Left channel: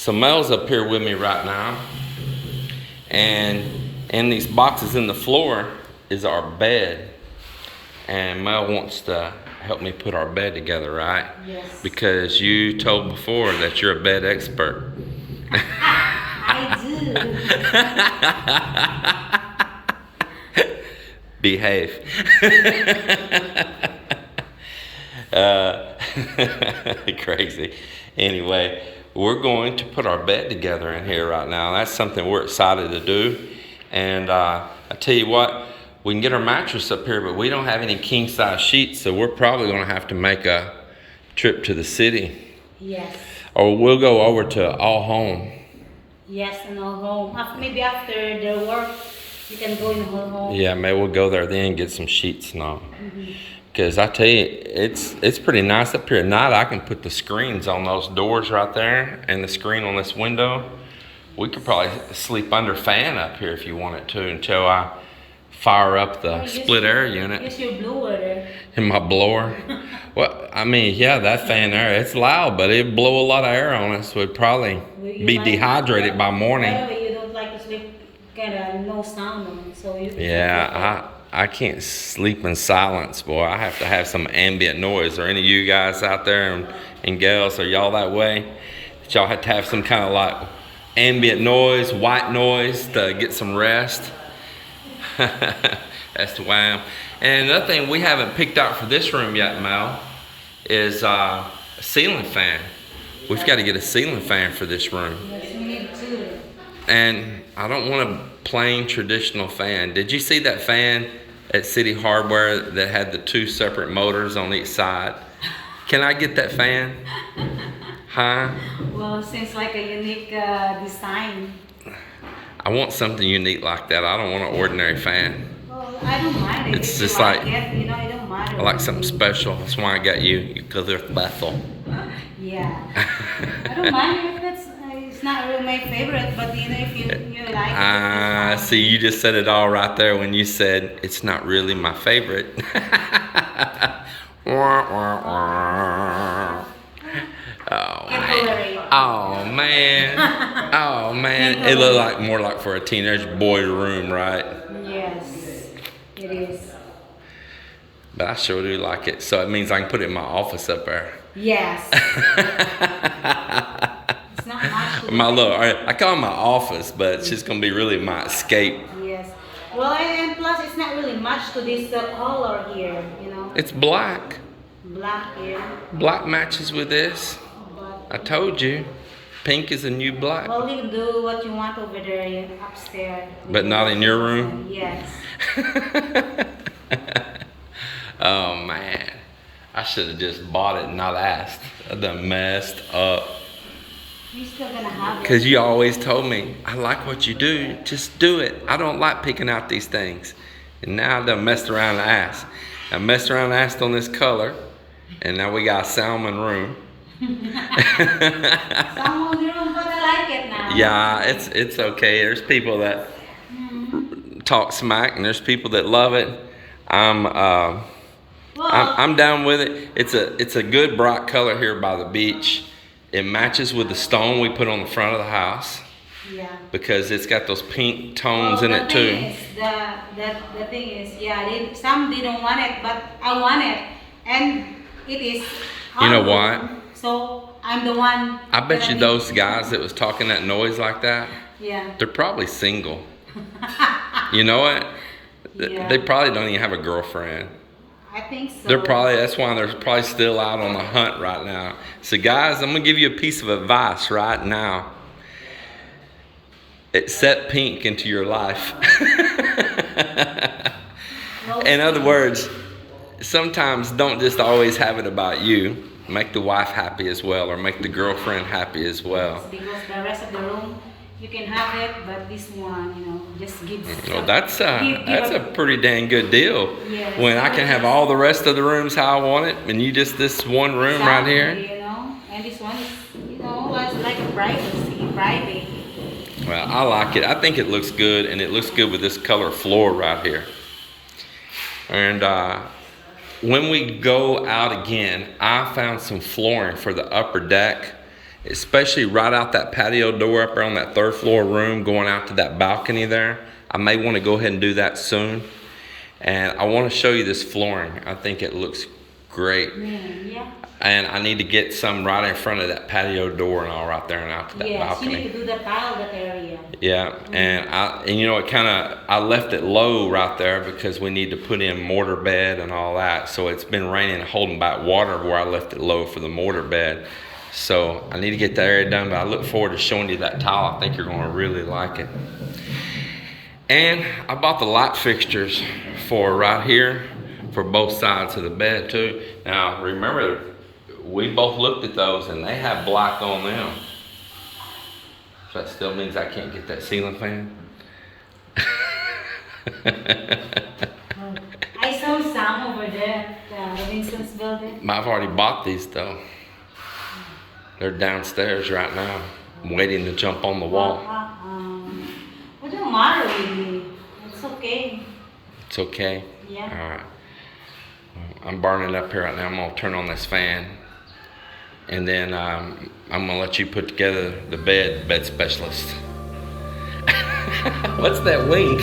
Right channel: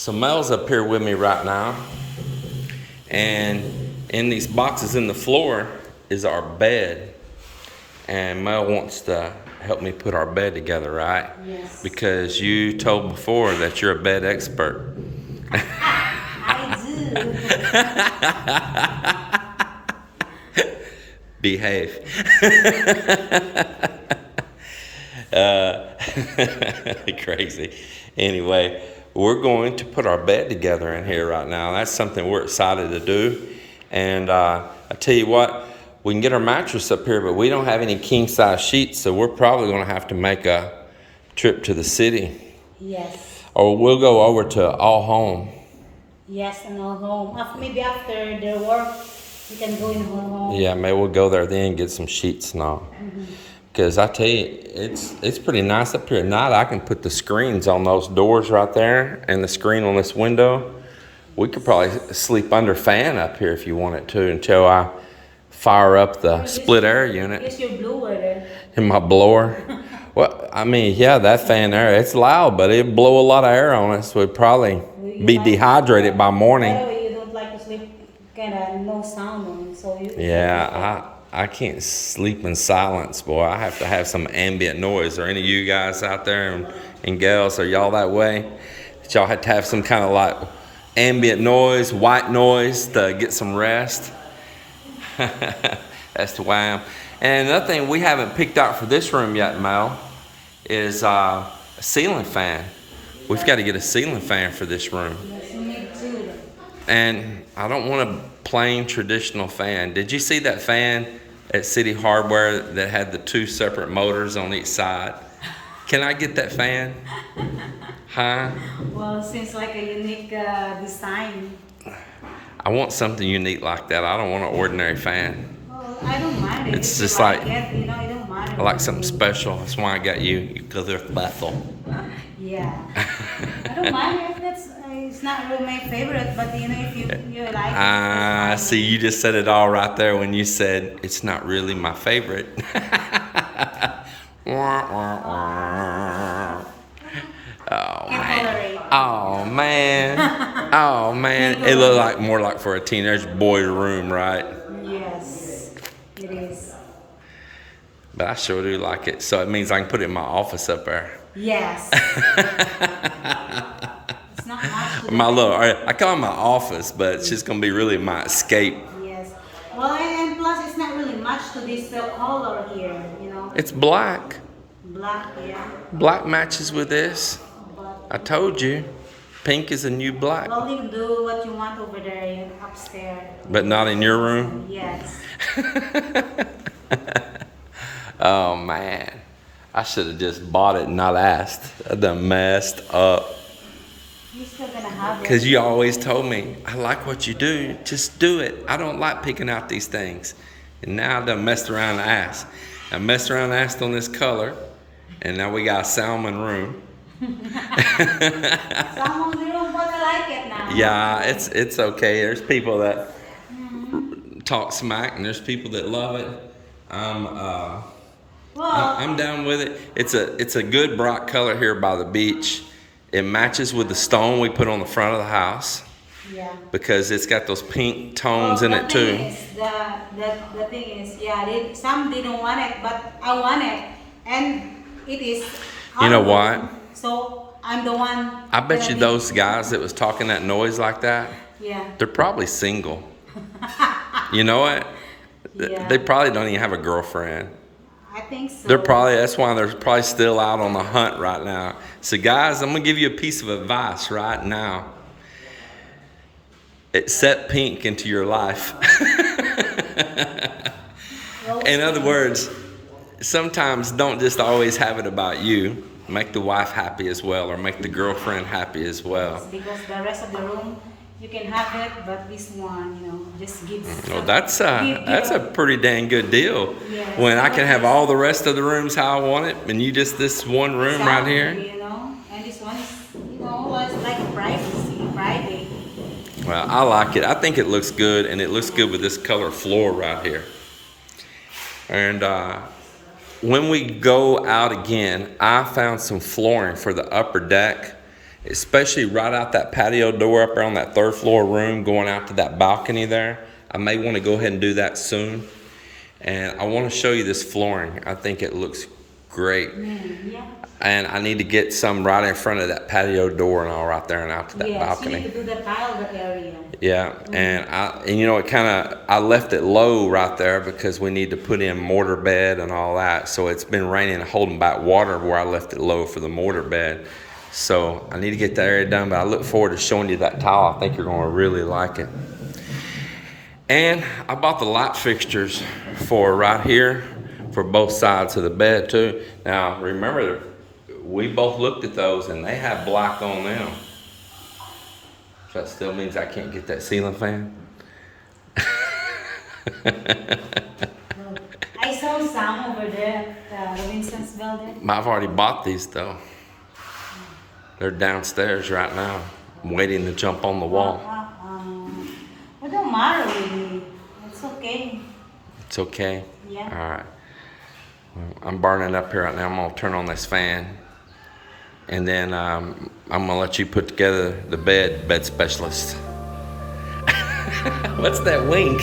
So Mel's up here with me right now, and in these boxes in the floor is our bed. And Mel wants to help me put our bed together, right? Yes. Because you told before that you're a bed expert. I do. Behave. Crazy. Anyway, we're going to put our bed together in here right now. That's something we're excited to do. And I tell you what, we can get our mattress up here, but we don't have any king size sheets, so we're probably going to have to make a trip to the city. Yes. Or we'll go over to All Home. Yes, and I'll go. Maybe after the work, you can go in whole home. Yeah, maybe we'll go there then and get some sheets and all. Because I tell you, it's pretty nice up here at night. I can put the screens on those doors right there and the screen on this window. We could probably sleep under fan up here if you wanted to until I fire up the split air unit. Use your blower there. In my blower. Well, I mean, yeah, that fan there, it's loud, but it'd blow a lot of air on us. We'd probably be dehydrated by morning. By the way, you don't like to sleep kind of no sound on, so you. Yeah, I can't sleep in silence, boy. I have to have some ambient noise. Are any of you guys out there and gals, are y'all that way? That y'all have to have some kind of like ambient noise, white noise to get some rest? That's the way I am. And another thing we haven't picked out for this room yet, Mel, is a ceiling fan. We've got to get a ceiling fan for this room. Yes, you need two. And I don't want a plain traditional fan. Did you see that fan at City Hardware that had the two separate motors on each side? Can I get that fan? Huh? Well, it seems like a unique design. I want something unique like that. I don't want an ordinary fan. Well, I don't mind it. It's If just you like like, it, you know, it don't matter. I like something special. That's why I got you, because they're Bethel. Yeah. I don't mind it. It's not really my favorite, but you know, if you like it, Ah, that's fine. see, you just said it all right there when you said it's not really my favorite. Wah, wah, wah. Oh man. Oh man. Oh man. It looked like more like for a teenage boy room, right? Yes, it is. But I sure do like it. So it means I can put it in my office up there. Yes. It's not much. My little, I call it my office, but it's just gonna be really my escape. Yes. Well, and plus, it's not really much to this color here, you know. It's black. Black, yeah. Black matches with this. But I told you, pink is a new black. well, you can do what you want over there upstairs. But not in your room? Yes. Oh man, I should have just bought it and not asked. I done messed up. You're still gonna have it. Because you always told me, I like what you do, just do it. I don't like picking out these things. And now I done messed around and asked. I messed around and asked on this color, and now we got a salmon room. Someone room, but I like it now. Yeah, it's okay. There's people that talk smack, and there's people that love it. I'm down with it. It's a good bright color here by the beach. It matches with the stone we put on the front of the house. Yeah. Because it's got those pink tones in it too. The thing is, yeah, some didn't want it, but I want it, and it is. You know what? So I'm the one. I bet you those guys that was talking that noise like that, Yeah. they're probably single. You know what? Yeah. They probably don't even have a girlfriend. I think so. That's why they're probably still out on the hunt right now. So guys, I'm gonna give you a piece of advice right now. Set pink into your life. In other words, sometimes don't just always have it about you. Make the wife happy as well, or make the girlfriend happy as well. Because the rest of the room, you can have it, but this one, you know, just gives. Well, that's a pretty dang good deal. Yes. When I can have all the rest of the rooms how I want it, and you just this one room right here. You know, and this one is, you know, it's like privacy, private. Well, I like it. I think it looks good, and it looks good with this color floor right here. And when we go out again, I found some flooring for the upper deck, especially right out that patio door up there on that third floor room, going out to that balcony there. I may want to go ahead and do that soon. And I want to show you this flooring. I think it looks great. Yeah. And I need to get some right in front of that patio door and all right there and out to that Yes, balcony. you need to do the tile that area. Yeah, and you know, I left it low right there because we need to put in mortar bed and all that. So it's been raining, holding back water where I left it low for the mortar bed. So I need to get that area done, but I look forward to showing you that tile. I think you're going to really like it. And I bought the light fixtures for right here for both sides of the bed too. Now remember, we both looked at those and they have black on them. So that still means I can't get that ceiling fan. I saw some over there at the Robinson's building. I've already bought these though. They're downstairs right now. I'm waiting to jump on the wall. It don't matter really. It's okay. It's okay? Yeah. All right. I'm burning up here right now. I'm going to turn on this fan. And then I'm going to let you put together the bed specialist. What's that wink?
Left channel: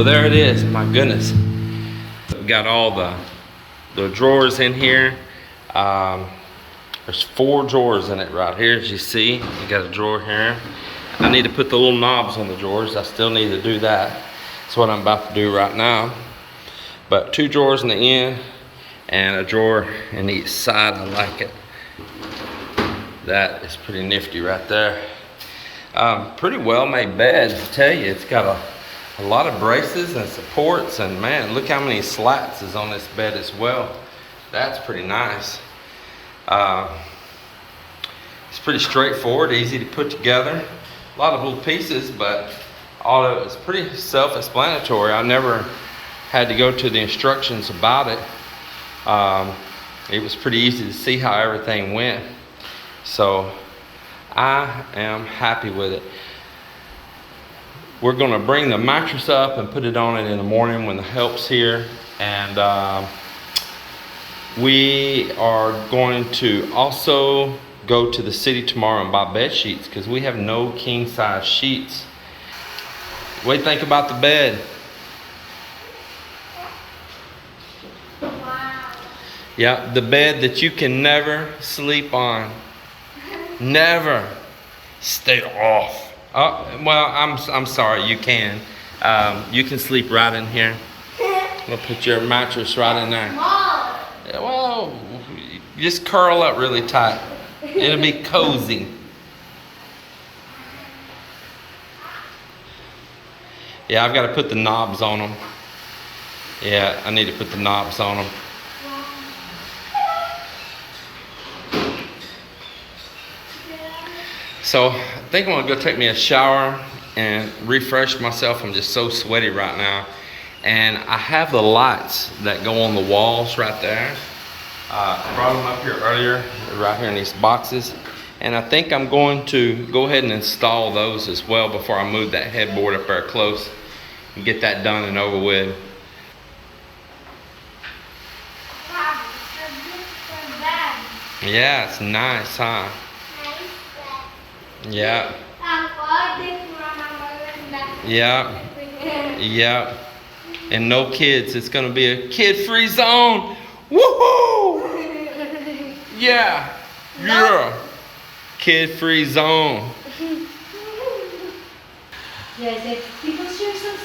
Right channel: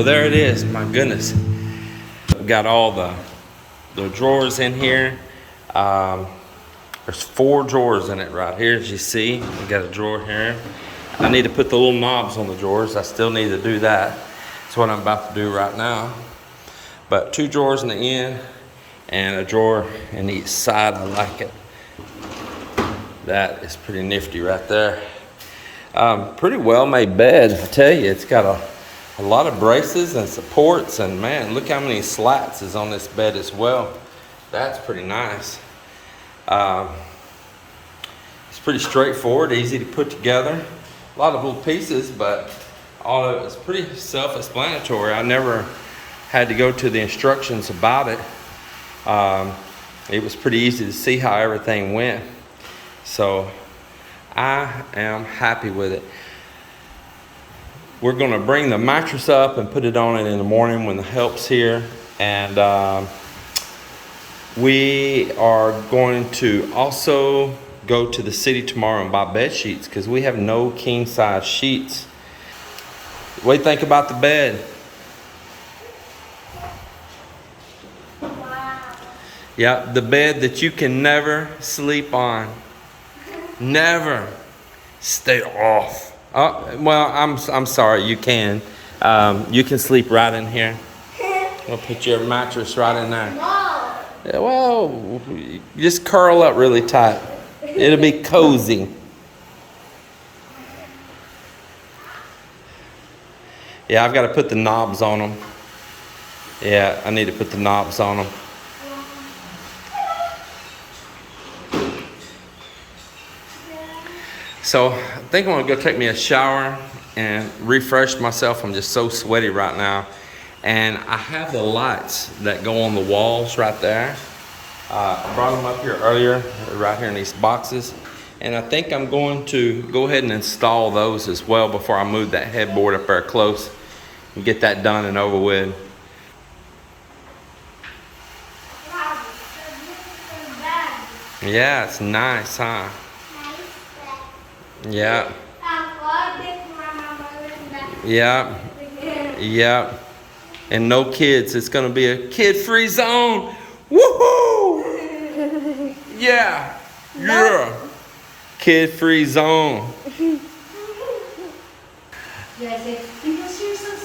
Well, there it is. My goodness. We got all the drawers in here. There's 4 drawers in it right here, as you see. You got a drawer here. I need to put the little knobs on the drawers. I still need to do that. That's what I'm about to do right now. But 2 drawers in the end and a drawer in each side. I like it. That is pretty nifty right there. Pretty well made bed, I tell you. It's got a lot of braces and supports, and man, look how many slats is on this bed as well. That's pretty nice. It's pretty straightforward, easy to put together. A lot of little pieces, but all of it's pretty self-explanatory. I never had to go to the instructions about it. It was pretty easy to see how everything went. So I am happy with it. We're going to bring the mattress up and put it on it in the morning when the help's here. And we are going to also go to the city tomorrow and buy bed sheets because we have no king size sheets. What do you think about the bed? Wow. Yeah, the bed that you can never sleep on. Never. Stay off. Oh, well, I'm sorry, you can. You can sleep right in here. We'll put your mattress right in there. Mom. Well, just curl up really tight. It'll be cozy. Yeah, I've got to put the knobs on them. Yeah, I need to put the knobs on them. So I think I'm gonna go take me a shower and refresh myself. I'm just so sweaty right now. And I have the lights that go on the walls right there. I brought them up here earlier, right here in these boxes. And I think I'm going to go ahead and install those as well before I move that headboard up there close and get that done and over with. Yeah, it's nice, huh? Yeah. Yeah. Yeah. And no kids. It's going to be a kid-free zone. Woohoo! Yeah. Yeah. Kid-free zone. Yeah, I said, because you're so